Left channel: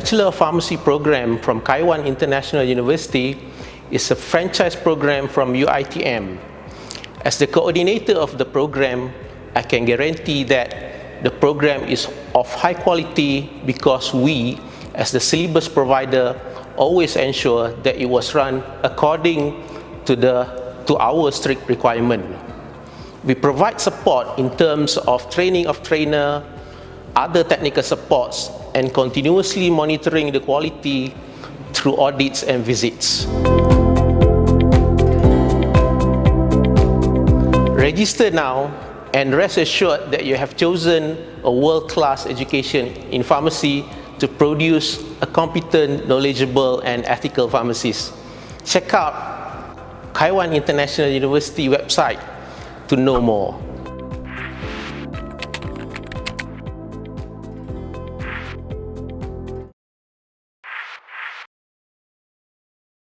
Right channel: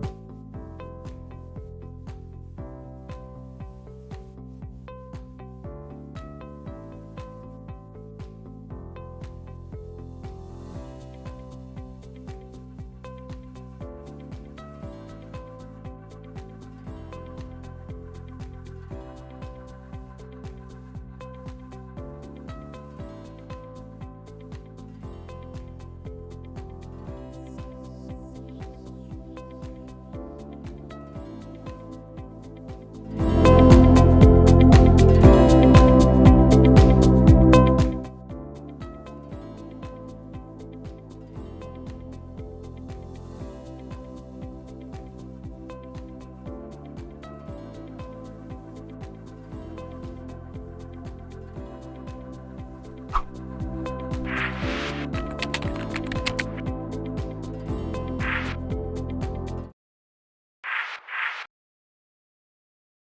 Bachelor of Pharmacy program from Qaiwan International University is a franchise program from UiTM. As the coordinator of the program, I can guarantee that the program is of high quality because we, as the syllabus provider, always ensure that it was run according to our strict requirement. We provide support in terms of training of trainer, other technical supports, and continuously monitoring the quality through audits and visits. Register now and rest assured that you have chosen a world-class education in pharmacy to produce a competent, knowledgeable, and ethical pharmacist. Check out Qaiwan International University website to know more.